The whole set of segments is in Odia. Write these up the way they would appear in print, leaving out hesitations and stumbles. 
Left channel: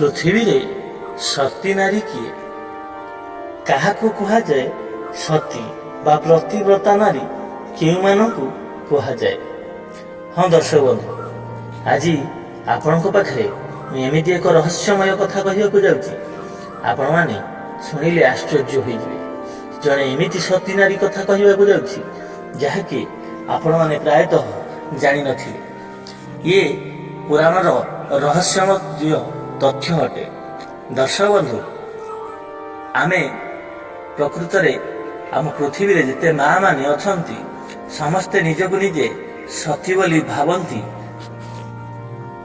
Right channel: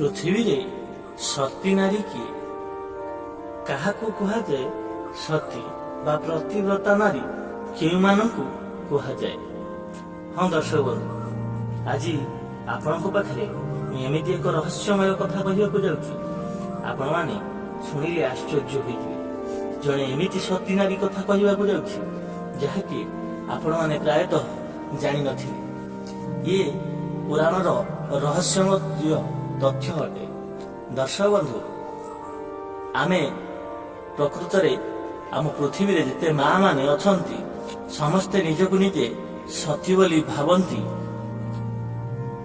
ପୃଥିବୀରେ ସତୀ ନାରୀ କିଏ? କାହାକୁ କୁହାଯାଏ ସତୀ ବା ପ୍ରତିବ୍ରତା ନାରୀ କେଉଁମାନଙ୍କୁ କୁହାଯାଏ? ହଁ ଦର୍ଶକ ବନ୍ଧୁ, ଆଜି ଆପଣଙ୍କ ପାଖରେ ମୁଁ ଏମିତି ଏକ ରହସ୍ୟମୟ କଥା କହିବାକୁ ଯାଉଛି, ଆପଣମାନେ ଶୁଣିଲେ ଆଶ୍ଚର୍ଯ୍ୟ ହୋଇଯିବେ। ଜଣେ ଏମିତି ସତୀ ନାରୀ କଥା କହିବାକୁ ଯାଉଛି ଯାହାକି ଆପଣମାନେ ପ୍ରାୟତଃ ଜାଣିନଥିବେ। ଇଏ ପୁରାଣର ରହସ୍ୟମୟ ତଥ୍ୟ ଅଟେ। ଦର୍ଶକ ବନ୍ଧୁ, ଆମେ ପ୍ରକୃତରେ ଆମ ପୃଥିବୀରେ ଯେତେ ମା ମାନେ ଅଛନ୍ତି ସମସ୍ତେ ନିଜକୁ ନିଜେ ସତୀ ବୋଲି ଭାବନ୍ତି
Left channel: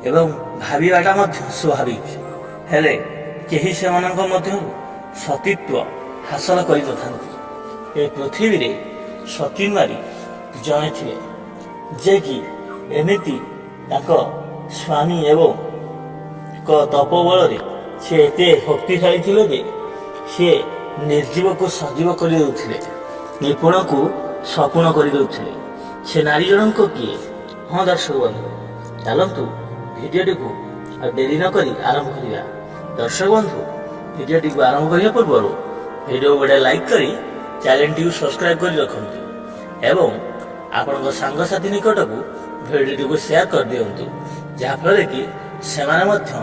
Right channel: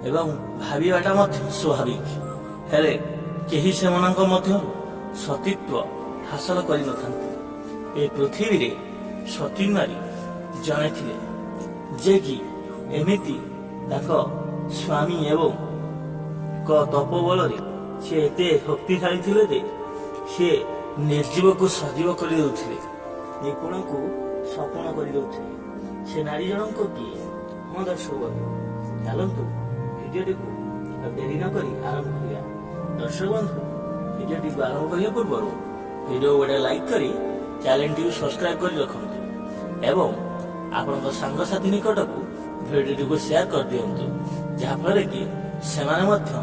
ଏବଂ ଭାବିବାଟା ମଧ୍ୟ ସ୍ୱାଭାବିକ। ହେଲେ କେହି ସେମାନଙ୍କ ମଧ୍ୟରୁ ସତୀତ୍ୱ ହାସଲ କରିନଥାନ୍ତି। ଏ ପୃଥିବୀରେ ସତୀ ନାରୀ ଜଣେ ଥିଲେ, ଯେ କି ଏମିତି ତାଙ୍କ ସ୍ୱାମୀ ଏବଂ ଏକ ତପ ବଳରେ ସେ ଏତେ ଶକ୍ତିଶାଳୀ ଥିଲେ ଯେ ସେ ନିର୍ଜୀବକୁ ସଜୀବ କରିଦେଉଥିଲେ, ନିପୁଣକୁ ସପୁଣ କରିଦେଉଥିଲେ। ସେ ନାରୀ ଜଣଙ୍କ କିଏ? ହଁ ଦର୍ଶକ ବନ୍ଧୁ, ଚାଲନ୍ତୁ ଭିଡ଼ିଓଟିକୁ ଡେରି ନ କରି ଆରମ୍ଭ କରିବା। ଦର୍ଶକ ବନ୍ଧୁ, ଭିଡ଼ିଓଟିକୁ ଆରମ୍ଭ କରିବା ପୂର୍ବରୁ ଭିଡ଼ିଓ ଗୋଟେ ଲାଇକ୍ କରି ଚ୍ୟାନେଲଟିକୁ ସବସ୍କ୍ରାଇବ୍ କରି ରଖନ୍ତୁ ଏବଂ ଆପଣଙ୍କ ସାଙ୍ଗସାଥି ନିକଟକୁ ଭିଡ଼ିଓଟିକୁ ସେୟାର କରିଦିଅନ୍ତୁ, ଯାହାଫଳରେ କି ସେମାନେ ମଧ୍ୟ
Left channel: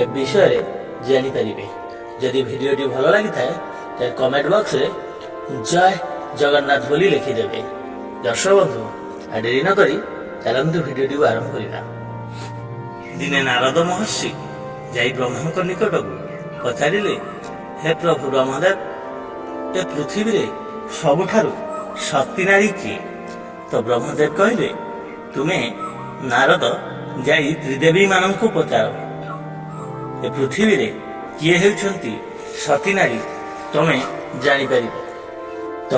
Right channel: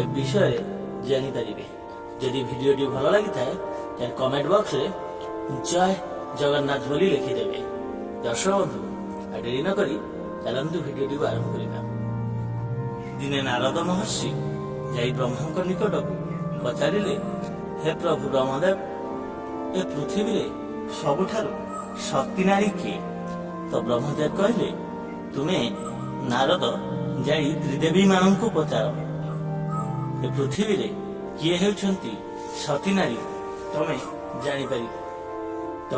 ଏ ବିଷୟରେ ଜାଣିପାରିବେ। ଯଦି ଭିଡ଼ିଓଟି ଭଲ ଲାଗିଥାଏ ତେବେ କମେଣ୍ଟ ବକ୍ସରେ ଜୟ ଜଗନ୍ନାଥ ବୋଲି ଲେଖିଦେବେ। ଦର୍ଶକ ବନ୍ଧୁ, ଡେରି ନ କରି ଚାଲନ୍ତୁ ଭିଡ଼ିଓଟିକୁ ଆରମ୍ଭ କରିବା। ଦିନେ ନାରଦ ମହର୍ଷି ଯାଇ ବ୍ରହ୍ମାଙ୍କ ନିକଟକୁ ପଚାରିଲେ, ହେ ପ୍ରଭୁ ବ୍ରହ୍ମଦେବ, ଏ ପୃଥିବୀରେ ସବୁଠାରୁ ସତୀ ନାରୀ କିଏ? ତ ବ୍ରହ୍ମଦେବ କହିଲେ, ତୁମେ ନାରଦ ଯାଇ ତ୍ରିଦେବୀ ମାନଙ୍କୁ ପଚାର, ଏ ପୃଥିବୀରେ କିଏ ହେଉଛନ୍ତି ସତୀ ନାରୀ ତମେ ଜାଣିପାରିବ। ତ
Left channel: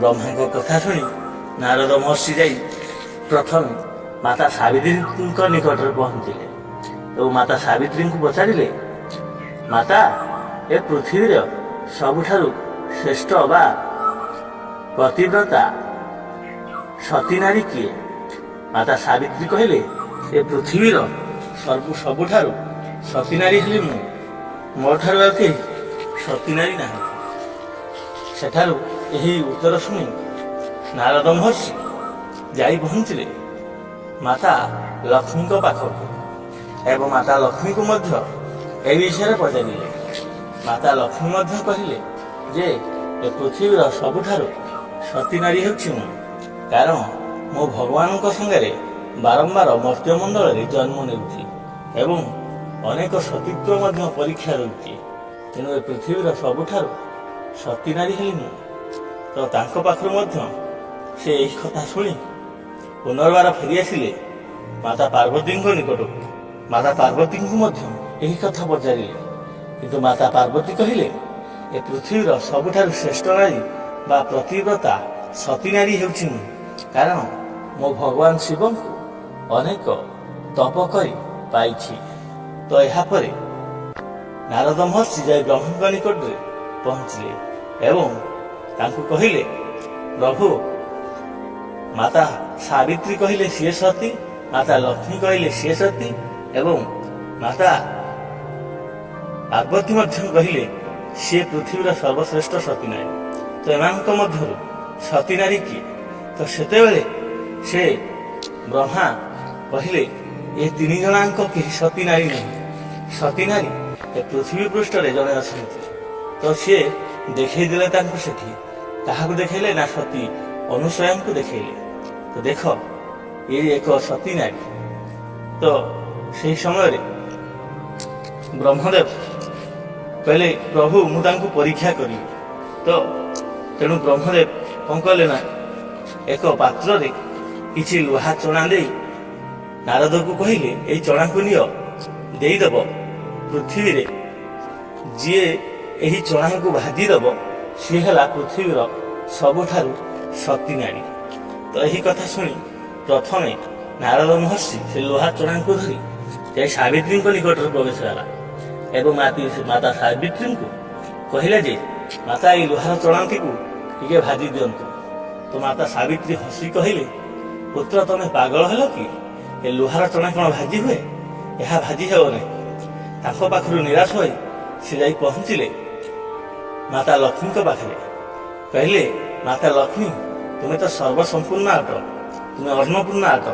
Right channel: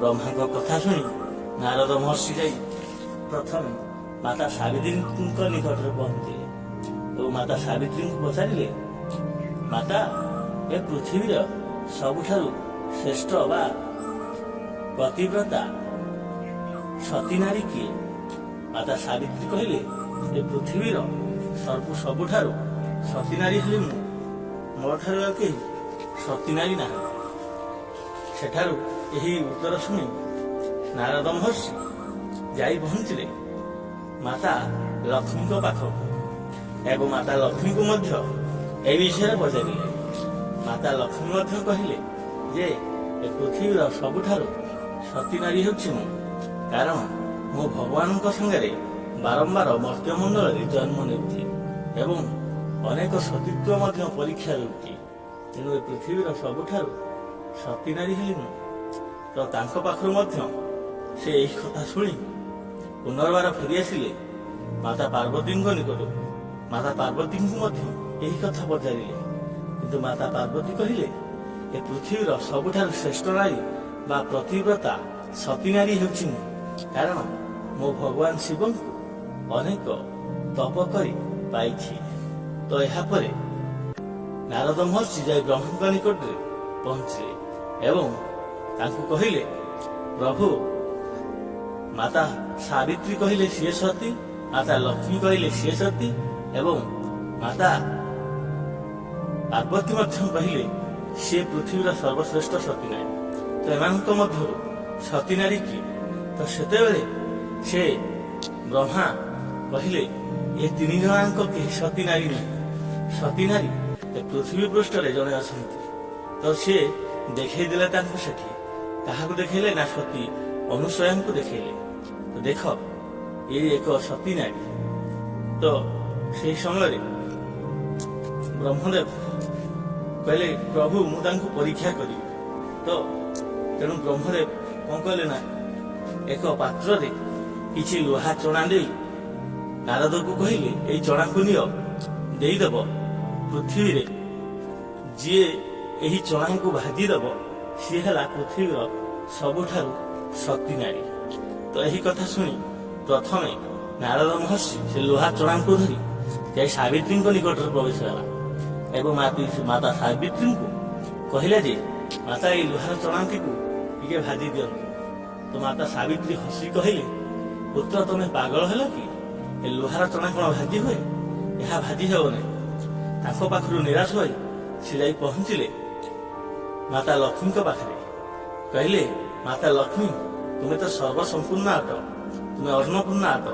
ବ୍ରହ୍ମାଙ୍କ କଥା ଶୁଣି ନାରଦ ମହର୍ଷି ଯାଇ ପ୍ରଥମେ ମାତା ସାବିତ୍ରୀଙ୍କ ନିକଟରେ ପହଞ୍ଚିଲେ ଏବଂ ମାତା ସାବିତ୍ରୀଙ୍କୁ ପଚାରିଲେ, ମାତା, ଏ ପୃଥିବୀର ସବୁଠାରୁ ଶ୍ରେଷ୍ଠ ବା ପ୍ରତିବ୍ରତା ସତୀ ନାରୀ କିଏ? ମାତା ସାବିତ୍ରୀ କହିଲେ, ଏ ପୃଥିବୀର ସବୁଠାରୁ ସତୀ ନାରୀ ହେଲି ମୁଁ, ମୋ ଠାରୁ ଆଉ କେହି ସତୀ ନାରୀ ନାହାନ୍ତି। ସେଠାରୁ ଏହି ଉତ୍ତର ଶୁଣି ନାରଦ ମହର୍ଷି ଯାଇ ପହଞ୍ଚିଲେ ମାତା ଲକ୍ଷ୍ମୀଙ୍କ ପାଖକୁ ଏବଂ ମାତା ଲକ୍ଷ୍ମୀଙ୍କୁ ମଧ୍ୟ ଏ ବିଷୟରେ ପଚାରିଲେ। ମାତା ଲକ୍ଷ୍ମୀ ମଧ୍ୟ କହିଲେ ଯେ ଏ ପୃଥିବୀର ସବୁଠାରୁ ସତୀ ନାରୀ ହେଉଛି ମୁଁ, କାରଣ ମୁଁ ଭଗବାନଙ୍କ ସାଙ୍ଗରେ ବାରମ୍ବାର ମର୍ତ୍ତ୍ୟମଣ୍ଡଳରେ ଜନ୍ମ ନେଉଛି ଏବଂ ଅନେକ ସତୀତ୍ୱ ମଧ୍ୟ ପରୀକ୍ଷା ଦେଉଛି, ତେଣୁ ଏ ପୃଥିବୀର ସବୁଠାରୁ ସତୀ ନାରୀ ହେଲି ମୁଁ। ତ ତାଙ୍କ ପାଖରୁ ମଧ୍ୟ ସେ ଏହି କଥା ଶୁଣି ପୁନର୍ବାର ଫେରିଆସିଲେ ମାତା ପାର୍ବତୀଙ୍କ ନିକଟକୁ। ମାତା ପାର୍ବତୀଙ୍କୁ ମଧ୍ୟ ଏହି କଥା ପଚାରିଲେ, କିନ୍ତୁ ମାତା ପାର୍ବତୀ କହିଲେ, ଏ ପୃଥିବୀର ସବୁଠାରୁ ଶ୍ରେଷ୍ଠ ନାରୀ ବା ପ୍ରତିବ୍ରତା ସତୀ ନାରୀ ହେଉଛି ମୁଁ, କାରଣ ମୁଁ ଭଗବାନ ଶିବଙ୍କୁ ଅନେକ ତପ କରି ପାଇଛି। ତ ଏହାପରେ ନାରଦ ମହର୍ଷି ଯାଇ ବ୍ରହ୍ମାଙ୍କ ନିକଟରେ ପହଞ୍ଚିଲେ ଏବଂ ତାଙ୍କୁ କହିଲେ, ପ୍ରଭୁ, ମାତା ସାବିତ୍ରୀ କହିଲେ ସିଏ ସତୀ, ମାତା ଲକ୍ଷ୍ମୀ କହିଲେ ସିଏ ସତୀ ଏବଂ ମାତା ପାର୍ବତୀ ମଧ୍ୟ କହିଲେ ସିଏ ପୃଥିବୀର ସର୍ବଶ୍ରେଷ୍ଠ ସତୀ ନାରୀ। ତ ଏମାନଙ୍କ ମଧ୍ୟରୁ ସତୀ ନାରୀ କିଏ? ତ ସେତେବେଳେ ସେ ବ୍ରହ୍ମା କହିଲେ, ଏ ତିନି ଜଣଙ୍କ କେହି ସତୀ ନାରୀ ନାହିଁ। ସତୀ ନାରୀ ଏ ପୃଥିବୀ ପୃଷ୍ଠରେ ଜଣେ ଅଛନ୍ତି। ତ ସିଏ ଦେଖେଇ ଦେଲେ ତାଙ୍କୁ। ସେଠି କାହାକୁ ଦେଖେଇଲେ ନା ସତୀ ଅନୁସୂୟାଙ୍କୁ ଦେଖେଇଲେ। ତ ଦେଖ, ଏ ଏକ ସତୀ ନାରୀ। ତ ସେହି ସମୟରେ ବ୍ରହ୍ମଦେବ କହିଲେ, ପ୍ରଭୁ, ମୁଁ ତାଙ୍କୁ ପରୀକ୍ଷା କରିବି। ତ ତେଣୁ ବ୍ରହ୍ମଦେବ କଣ କଲେ ନା ଏକ ପାତ୍ରରେ କିଛି ଲୁହା ଚଣା ଦେଇ ନାରଦକୁ କହିଲେ, ଏଇ ଚଣାକୁ ନିଅ, ଦେଇଦେବ ପୃଥିବୀରେ। ଯିଏ ଏହି ଚଣାକୁ ଭାଜିଦେବ ସିଏ ହେଲା ପୃଥିବୀର ସବୁଠାରୁ ସତୀ ନାରୀ। ତ ଏହି କଥା ଶୁଣି ପ୍ରଥମେ ନାରଦ ମହର୍ଷି ସେ ଲୁହା ଚଣାକୁ ଧରି ଯାଇ ସାବିତ୍ରୀଙ୍କ ନିକଟରେ ପ୍ରବେଶ କଲା ଏବଂ ମାତା ସାବିତ୍ରୀଙ୍କୁ କହିଲେ ଯେ, ମାତା, ଏଇ ଲୁହାର ଚଣାଟିକୁ ଟିକେ ଭାଜି ଦିଅନ୍ତୁ। ତ ମାତା ସାବିତ୍ରୀ ହସି କହିଲେ, ପୁତ୍ର, ତମେ ପାଗଳ ହେଲ କି? ଏ ଲୁହାର ଚଣା କ'ଣ ଭାଜି ହୁଏ? ଏହା ଭାଜି ହେବ ନାହିଁ। ତାଙ୍କ ପାଖରୁ ନିରାଶ ହୋଇ ସେ ଯାଇ ପହଞ୍ଚିଲେ ମାତା ଲକ୍ଷ୍ମୀଙ୍କ ପାଖରେ। କହିଲେ, ମାତା ଲକ୍ଷ୍ମୀ, ତୁମେ ତ ସର୍ବସମ୍ପୂର୍ଣ୍ଣ ଅଟ, ତୁମେ ଅନ୍ନପୂର୍ଣ୍ଣ ଅଟ,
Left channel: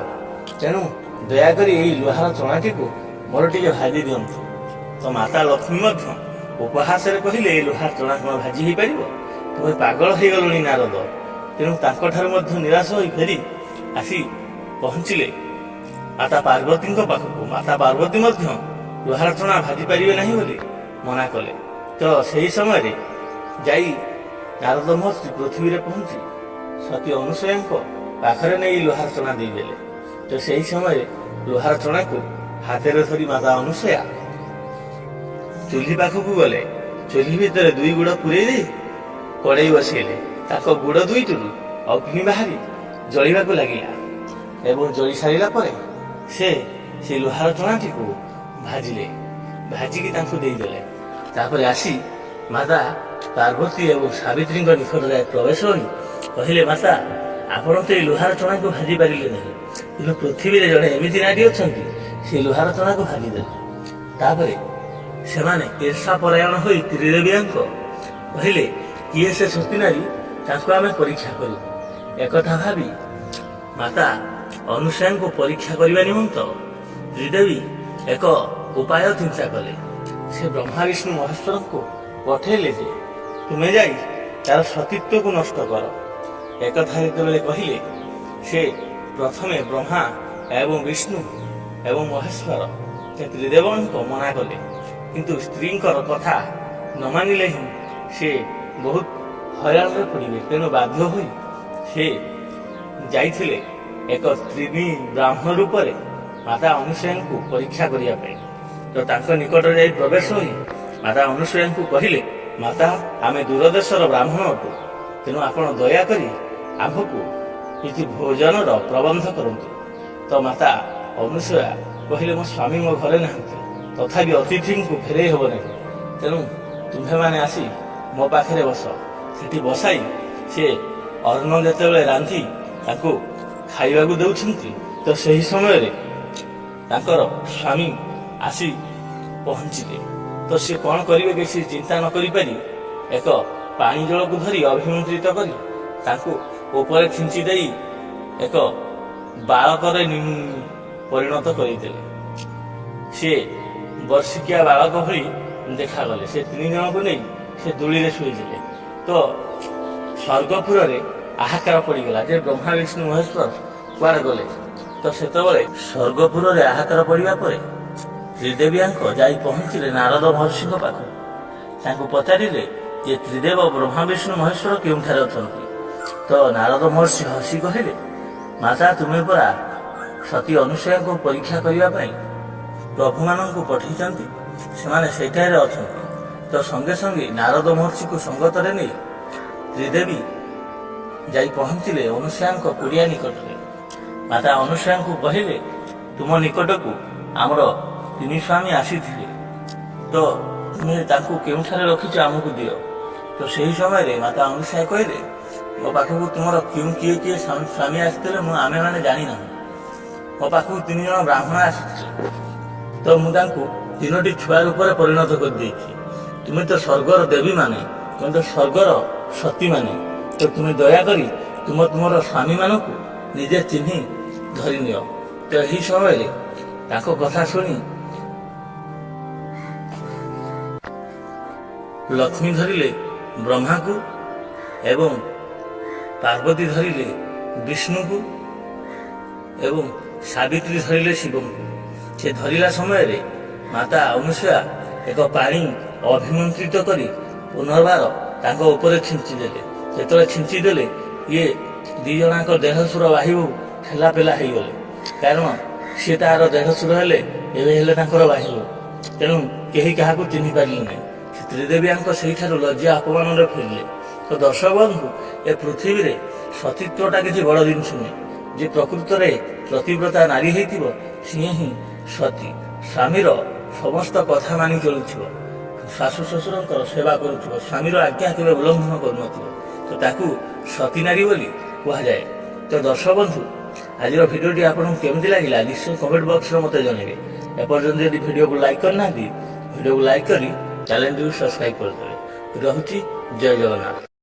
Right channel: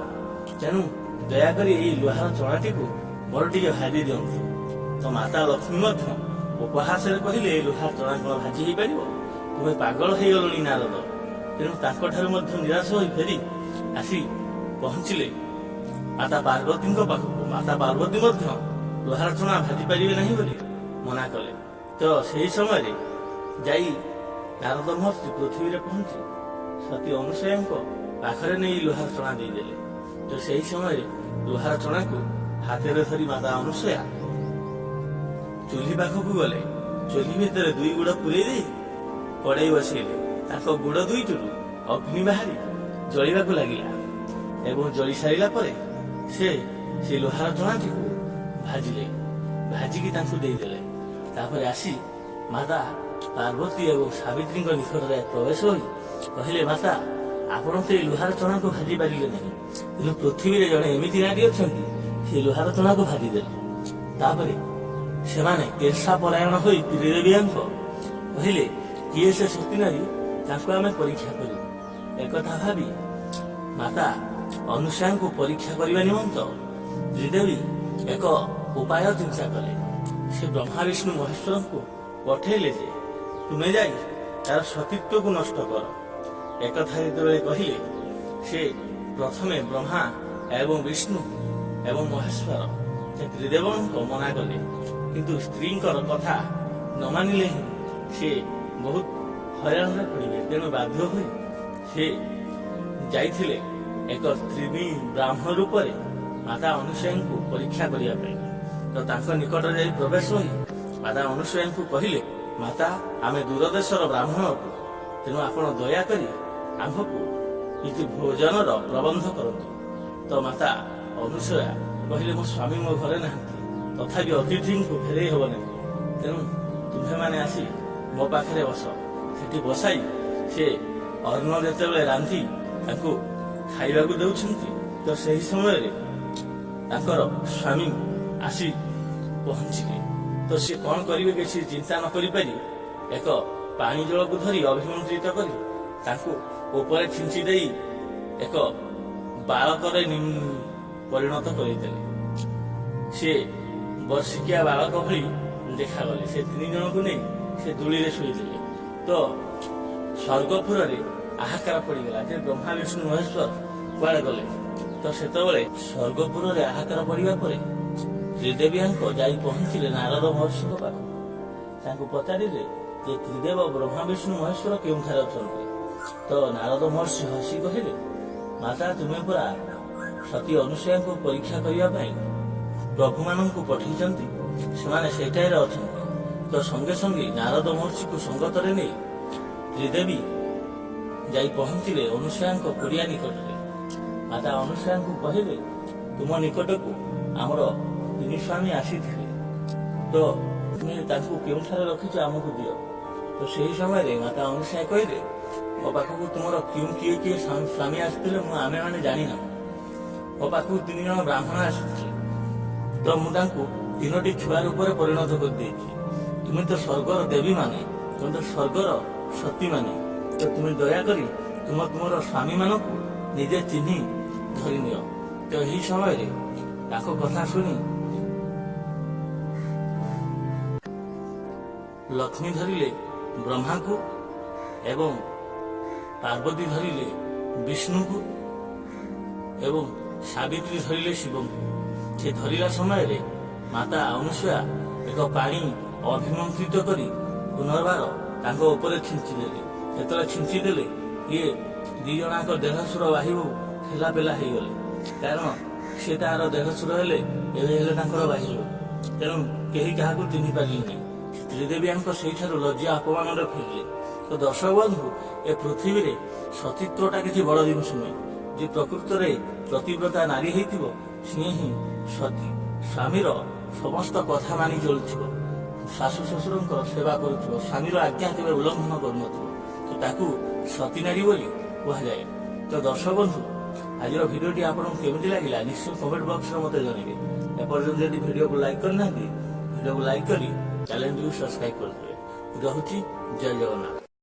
ତେଣୁ ଦୟାକରି ଏଇ ଲୁହାର ଚଣାଟିକୁ ମୋର ଟିକେ ଭାଜି ଦିଅନ୍ତୁ। ତ ମାତା ଲକ୍ଷ୍ମୀ ମଧ୍ୟ ଉପହାସରେ କହିଲେ, ଏ ଲୁହାର ଚଣା କ'ଣ ଭାଜି ହେଇପାରିବ? ତୁମେ ପାଗଳ ହେଇଗଲଣି ନାରଦ। ତେଣୁ ତାଙ୍କଠାରୁ ମଧ୍ୟ ନିରାଶ ହୋଇ ଫେରି ଆସି ପହଞ୍ଚିଲେ ମାତା ପାର୍ବତୀଙ୍କ ପାଖକୁ। ମାତା ପାର୍ବତୀ ମଧ୍ୟ ଲୁହାର ଚଣା ଭାଜି ପାରିବେ ନାହିଁ ବୋଲି ମନା କଲେ। ତ ସେହି ସମୟରେ ଯାଇ ନାରଦ ମହର୍ଷି ପୃଥିବୀରେ ପହଞ୍ଚି ସତୀ ଅନୁସୂୟାଙ୍କ ପାଖରେ ନେଇ ଲୁହାର ଚଣା ଦେଇଦେଲେ। ତ ସେହି ସମୟରେ ଲୁହାର ଚଣାକୁ ହାତରେ ଧରି ମାତା ଅନୁସୂୟା ଚୁଲି ପାଖକୁ ଗଲେ। ଚୁଲି ଭିତରେ 2 ଗୁଡ଼ ପୂରେଇ ଦେଇ କଡ଼େଇ ବସେଇଲେ। ତାଙ୍କ ଗୁଡ଼ 2ଟିରୁ ଅଗ୍ନି ବାହାରି ଜଳିବାକୁ ଲାଗିଲା ଏବଂ ଜଳି ସାରିଲା ପରେ ସେ ଲୁହାର ଚଣାଟିକୁ ଭାଜିଲେ। ଭାଜିକି ତାଙ୍କୁ ଦେଇଦେଲେ। ତାପରେ ଆସି ମାତା ପାର୍ବତୀ ଏବଂ ସାବିତ୍ରୀଙ୍କ ନିକଟରେ ପ୍ରବେଶ ହୋଇ କହିଲେ, ମାତା, ଆପଣ ତ ଏଇ ଲୁହାର ଚଣାକୁ ଭାଜି ପାରିଲେ ନାହିଁ, କିନ୍ତୁ ପୃଥିବୀରେ ଜଣେ ଏମିତି ନାରୀ ଅଛନ୍ତି, ସେ ଲୁହାର ଚଣାକୁ ଭାଜିଦେଲେ। ତାପରେ ସେମାନେ ଈର୍ଷା ପରାୟଣ ହୋଇ ତ୍ରିଦେବୀଙ୍କ କହିଲେ, କିଏ ସେ ସତୀ ନାରୀ, ତାଙ୍କୁ ଆମେ ପରୀକ୍ଷା କରିବୁ। ଏକଥା ଭାବି ମାତା ଅନୁସୂୟାଙ୍କୁ ପରୀକ୍ଷା କରିବା ନିମନ୍ତ ତ୍ରିଦେବୀ ଏକ ଉପାୟ ଚିନ୍ତା କଲେ। ସେ ବ୍ରହ୍ମା ବିଷ୍ଣୁ ମହେଶ୍ୱରଙ୍କୁ ପଠେଇଲେ ଯେ, ତୁମେ ଯାଇ ତାର ସତୀତ୍ୱକୁ ନଷ୍ଟ କର। ଏକଥା ଯେତେବେଳେ କହିଲେ, ସେ ପ୍ରଥମେ ବ୍ରହ୍ମା ଏବଂ ବିଷ୍ଣୁ ଏବଂ ମହେଶ୍ୱର ସେ ତ୍ରିଦେବଙ୍କ ମନା କଲେ। କିନ୍ତୁ ସ୍ତ୍ରୀଙ୍କର କଥା ନ ମାନିଲେ ହିଁ ସେ ବହୁତ ହଇରାଣରେ ପଡ଼ିବେ। ତେଣୁ ବାଧ୍ୟ ହୋଇ ସେ ଯାଇଥିଲେ ଏକ ତ୍ରିବୀ ବ୍ରାହ୍ମଣ ରୂପରେ ମାତା ଅନୁସୂୟାଙ୍କୁ ପରୀକ୍ଷା କରିବା ପାଇଁ। ତ ତାଙ୍କ ନିକଟରେ ଯାଇ ପ୍ରବେଶ ହୋଇ ମାତା ଅନୁସୂୟାଙ୍କୁ କହିଲେ, ମାତା, ଆମେ ଦୂରଦେଶର ବ୍ରାହ୍ମଣ ଅଟୁ, ତେଣୁ ଆପଣ ଦୟାକରି ଆମ୍ଭକୁ କିଛି ଭୋଜନର ପ୍ରବନ୍ଧ କରନ୍ତୁ। ତ ମାତା ଅନୁସୂୟା କହିଲେ, ମୋ ସ୍ୱାମୀ ମୋ ଘରେ ନାହାନ୍ତି, ତଥାପି ଅତିଥିଙ୍କୁ ଫେରେଇ ହେବ ନାହିଁ, ତେଣୁ ତୁମ୍ଭେମାନେ ଆସି ମୋ ପାଖରେ ବସ। ସେଠି ବସାଇ ସେ ଅନ୍ନ ଯେତେବେଳେ ରାନ୍ଧି ତାଙ୍କୁ ଖାଇବାକୁ ଦେଉଛନ୍ତି, ତ ସେହି ସମୟରେ ତାଙ୍କର ସ୍ୱାମୀ ଆସି ପହଞ୍ଚିଲେ। ତ ସେ କ'ଣ କରିବେ କିଛି ଚିନ୍ତା ନ କରିପାରି ଏକ ପାଣି ଜଳକୁ ଧରି ଅଭିମନ୍ତ୍ରିତ କରି ତାଙ୍କୁ ଉପରେ ଖିଞ୍ଚି ଦେଇ ଏକ ବାଳକରେ ପରିଣତ କରିଦେଲେ। ସେ ବର୍ଷିକିଆ ବାଳକ ଭଳି ଦେଖାଗଲେ। ସେ 3 ଜଣଙ୍କୁ ନେଇ ସେ ଦୋଳିରେ ଶୋଇଥିଲେ। ତ ସ୍ୱର୍ଗପୁରରେ ହାହାକାର ପଡ଼ିଗଲା ଯେ ବ୍ରହ୍ମା ବିଷ୍ଣୁ ମହେଶ୍ୱର କୁଆଡ଼େ ଗଲେ। ତ ସେତେବେଳେ ସ୍ୱର୍ଗପୁରରେ ହାହାକାର ପଡ଼ିବା ପରେ ତ୍ରିଦେବୀଙ୍କ ଯାଇ ପହଞ୍ଚିଲେ ନାରଦ ମହର୍ଷିଙ୍କ ପାଖକୁ। ତାଙ୍କୁ ପଚାରିଲେ ଯେ ତ୍ରିଦେବ ବ୍ରହ୍ମା ବିଷ୍ଣୁ ମହେଶ୍ୱର କେଉଁଠାରେ ଅଛନ୍ତି। ତ ନାରଦ ମହର୍ଷି ହସି କହିଲେ, ମାତା, ତୁମେ ପରା ସତୀ ଅନୁସୂୟାଙ୍କୁ ପରୀକ୍ଷା କରିବା ପାଇଁ ପ୍ରଭୁମାନଙ୍କୁ ପଠେଇଛନ୍ତି, ସେମାନେ ସେଠାରେ ଅଛନ୍ତି। ତ ସଙ୍ଗେ ସଙ୍ଗେ ନାରଦ ମହର୍ଷିକୁ ସଙ୍ଗତରେ ନେଇ ତ୍ରିଦେବୀ ଯାଇ ପହଞ୍ଚିଲେ ଅନୁସୂୟାଙ୍କ କୁଡ଼ିଆ ନିକଟରେ। ମାତା ଅନୁସୂୟାଙ୍କୁ କହିଲେ, ତୁମ ନିକଟକୁ ଆମର 3 ସ୍ୱାମୀ ଆସିଥିଲେ, ତ ତୁମେ ତାଙ୍କୁ କେଉଁଠାରେ ରଖିଛ ଆମକୁ ଦିଅ। ତ ସେହି ସମୟରେ ମାତା ଅନୁସୂୟା କହିଲେ, ମୋ ପାଖକୁ ତୁମର କିଏ କିଏ ସ୍ୱାମୀ ଆସିଥିଲେ ଆମେମାନେ ଜାଣିନାହୁଁ। ମୋ ପାଖକୁ 3 ଜଣ ବ୍ରାହ୍ମଣ ଆସିଥିଲେ, ତ ମୁଁ ତାଙ୍କୁ 3ଟି ଛୁଆ ରୂପରେ ପରିଣତ କରିଦେଇଛି। ତୁମେ ତ ସ୍ୱର୍ଗର ଦେବୀମାନେ, ତୁମେ ତ ସ୍ୱର୍ଗର ସତୀମାନେ, ତ ତୁମେ ଦୟାକରି ତୁମର ସ୍ୱାମୀମାନଙ୍କୁ ନିଜେ ଚିହ୍ନି ଧରିନିଅ। ତ ଏହି ସମୟରେ ତାଙ୍କ କଥା ଶୁଣି ଲକ୍ଷ୍ମୀ ଧରିଲେ ବ୍ରହ୍ମାକୁ ଏବଂ ପାର୍ବତୀ ଧରିଲେ ବିଷ୍ଣୁଙ୍କୁ ଏବଂ ସାବିତ୍ରୀ ଧରିଲେ ଶିବଙ୍କୁ। ସେ ଧରିଲା ସମୟରେ ମାତା ଅନୁସୂୟା ଏକ ପାଣି ଅଭିମନ୍ତ୍ରିତ କରି ପୁନର୍ବାର ତାଙ୍କ ଉପରେ ଛିଞ୍ଚିଦେଲେ। ଯେତେବେଳେ ଛିଞ୍ଚିଦେଲେ, ଇଏ 2 ଜଣଙ୍କ ଦେଢ଼ଶୁର ବାହୁ ଠେଲାପେଲା ହେଇଗଲେ। କାରଣ ସିଏ ତାହାର ଦେଢ଼ଶୁର ହେଲେ, ଏବେ ହେଲେ ତାଙ୍କର ବାହୁ। ତେଣୁ କେହି କାହାକୁ ଚିହ୍ନି ପାରିଲେ ନାହିଁ। ତ୍ରିଦେବୀଙ୍କ ସେଇଠାରୁ ଲଜ୍ଜା ଅପମାନରେ ଫେରିଲେ। ତ ଦର୍ଶକ ବନ୍ଧୁ, ଏ ପୃଥିବୀରେ ସତୀତ୍ୱଟା କିଛି ବଡ଼ ଜିନିଷ ନୁହେଁ। ଯେ ପ୍ରକୃତରେ ପ୍ରତିବ୍ରତା ନାରୀ ହେଇଥିବ, ସିଏ ହିଁ ସତୀ। ସ୍ୱାମୀର ସମସ୍ତ କଥା ମାନି ଚଳୁଥିବ, ଶାଶୁ ଶ୍ୱଶୁରଙ୍କର ସେବା କରୁଥିବ, ସ୍ୱାମୀର ଆଜ୍ଞା କେବେ ଉଲ୍ଲଂଘନ କରୁନଥିବ, ତ ତାକୁ ସତୀ ନାରୀ ବୋଲି କୁହାଯାଏ। ତ ଦର୍ଶକ ବନ୍ଧୁ, ଆଜିର ଭିଡ଼ିଓଟି ଆପଣଙ୍କୁ କେମିତି ଲାଗିଲା ନିଶ୍ଚୟ କମେଣ୍ଟ ବକ୍ସରେ ମୋତେ ଜଣାଇବେ। ଏପର୍ଯ୍ୟନ୍ତ ଯଦି ଭିଡ଼ିଓକୁ ଲାଇକ୍ କରିନାହାନ୍ତି ଭିଡ଼ିଓକୁ ଲାଇକ୍ କରି ଚ୍ୟାନେଲଟିକୁ ସବସ୍କ୍ରାଇବ୍ କରିଦେବେ। ରହୁଛି ଜୟ ଜଗନ୍ନାଥ।